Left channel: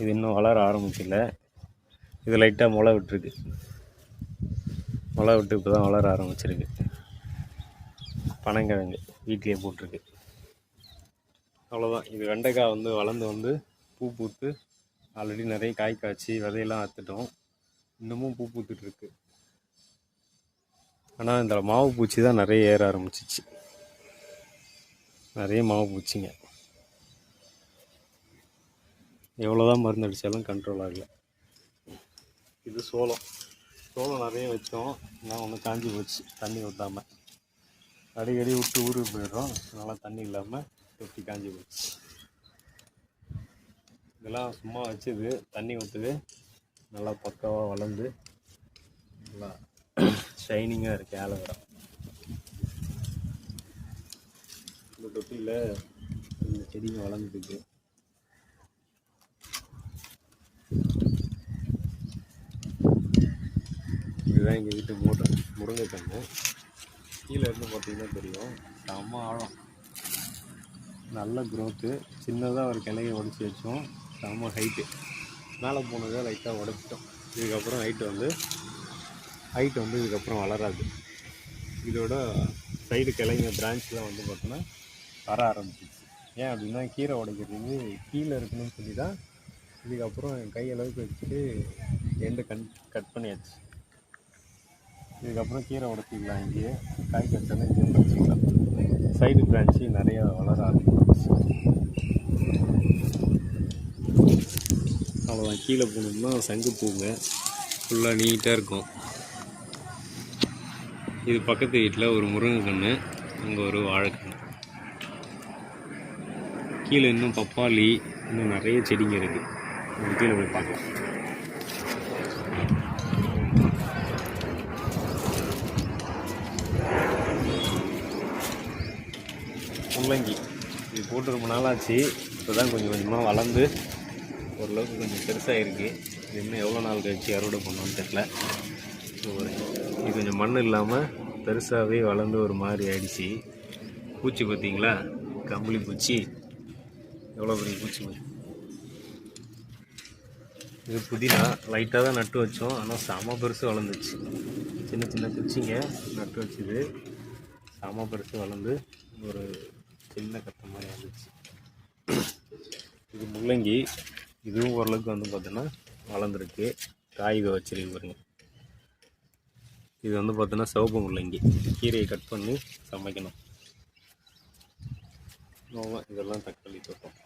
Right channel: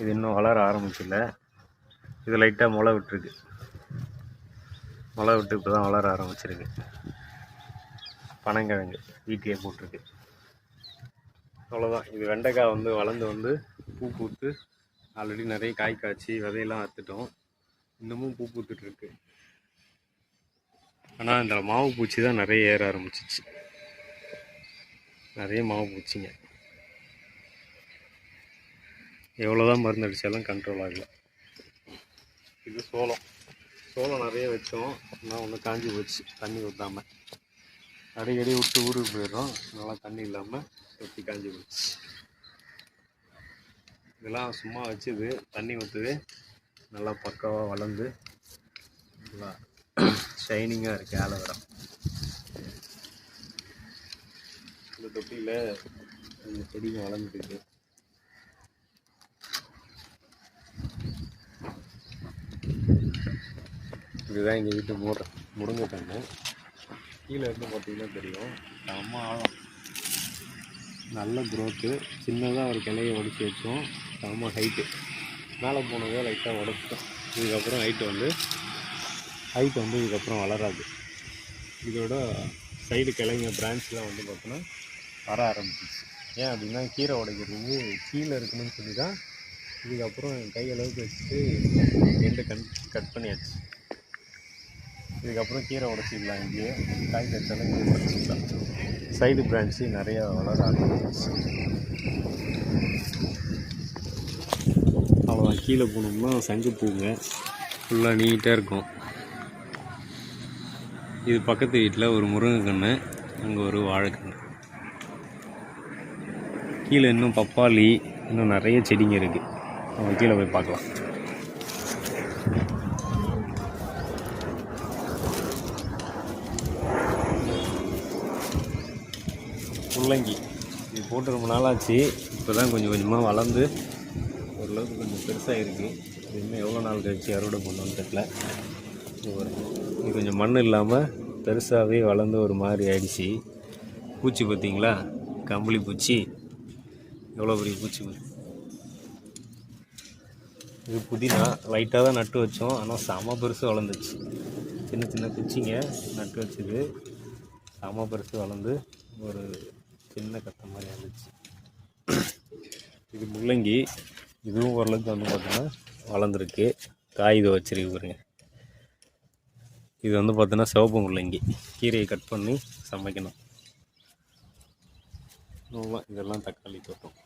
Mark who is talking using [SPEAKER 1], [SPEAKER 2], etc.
[SPEAKER 1] இது இன்னும் வளர ஆரம்பிச்சில்ல இது லைட்டாக முளை விட்டுருக்கு. முளை விட்டு இப்போ தான் வளர ஆரம்பிச்சிருக்கு. பனங்கிழங்கு வீட்டிலே போட்டிருக்கு. அவ்வளோதான் இது வெண்டைக்காய் வந்து வளர்ந்து வந்து பூ பூத்து ஆல்ரெடி நிறைய காய் காய்ச்சி விதையெல்லாம் அத்துட்டோம் இன்னமும் பூ பூத்துட்ருக்கு ஆனால் இந்த மாவு பூச்சி தான் நிறைய ஏற ஆரம்பிச்சிச்சு. நிறைய மாவு பூச்சிங்க. எவ்வளோதான் மருந்து அடித்தாலும் கண்ட்ரோல் ஆகலை. இது சோளம். சோளம் நிறைய வச்சோம். ஆனால் ஒன்று காஞ்சி போச்சு. தண்ணி ஊற்றாமல் அடிக்கடி விட்டு ஊருக்கு போயிடுறோம். நல்லா தண்ணி இல்லாமல் வெட்டி காஞ்சி போச்சு. இதெல்லாம் சும்மா வச்சுது. தண்ணி ஊற்றுது நல்லா பக்காவாக வளர்ந்து நல்லா ஷைனிங்காக இருக்குது ஆலோவேரா. இந்த தொட்டியில் செடிங்க வளர்ந்துட்டு இதுதான் எங்கள் வீட்டு முருங்கை முருங்கை கன்று கீழே இருந்து பார்த்தீங்கன்னா தெரியும். செம்ம ஆழம். நல்ல க்ரோத்து சின்னதாக ஒரு கிளைய உடச்சி வச்சோம். செம்ம ஹைட்டு மேலே போனதை லைட்டாக உடச்சிட்டோம். இதுக்கப்புறம் ஹைட்டு வந்து ஹைட் வந்து இதுக்கப்புறம் வளராது. இதோட சைடு கிளைங்க பிரான்ச்லாம் வந்து பார்த்தோன்னா வர ஆரம்பிச்சிச்சு ஏன் அப்படின்னா கீரை உடைக்கிறதுக்கு கீழே இருக்கணும்னு சொல்லி தான் இதுக்கப்புறம் என் கை அளவுக்கு வச்சுட்டு ரெண்டு கண் கட் பண்ணியாச்சு. இதுக்கப்புறம் கீரை உடச்சிக்கலாம் இங்கேயே. காய் கச்சாலும் இங்கேயே உடச்சிக்கலாம் சைடு பிரான்ச்சு நிறையா வளர ஆரம்பிச்சு அவ்வளோதான் கீழே போனோம்னா சங்கு பூங்க ஃபுல்லாக நீட்டாக இருக்கும். இது பக்கத்து வீட்டில் ஒரு முருங்கைக்கன்று அங்கே ஒரு வாழைக்கன்று கீழே இன்னும் பப்பாளி இன்னும் நிறைய செடிங்க இருக்குது நம்ம கீழே போய் பார்க்கலாம். முள்ளங்கி. இது போட்டு ரொம்ப நாளாச்சு இப்போ தான் கொஞ்சம் கொஞ்சமாக வளர்ந்து ஓரளவுக்கு கொஞ்சம் பெருசாக இருக்குது இது இன்னும் எவ்வளோ நாள் கழிச்சு அறுவடை பண்ணோன்னு தெரில இது கொஞ்சம் மண் இல்லாமல் பெருசாகவே வளர்ந்து ஒரு மாதிரி ஆயிடுச்சு. பூச்சி பார்த்திங்களா? கம்பளி பூச்சி. எவ்வளோ பெரிய பூச்சி இது புதினா. லைட்டாக தான் நட்டு வச்சோம். ஆனால் செம பெருசு வளர்ந்துச்சு. சின்ன சின்ன குச்சிங்க நட்டு வச்சுது. செம பெருசு வளர்ந்து ஒரு சின்ன கத்தை மாதிரி வந்துச்சு இது முள்ளங்கி இதுவும் ஓரளவுக்கு வந்து பார்த்தோன்னா வளர்ந்துருக்கு. காய் இதை வச்சிருக்கு பாருங்க. இது வந்து பார்த்தோன்னா சிவப்பு முள்ளங்கி. கீரையை கட் பண்ணி சமைக்கணும். இதெல்லாம் தக்காளி தோட்டம்.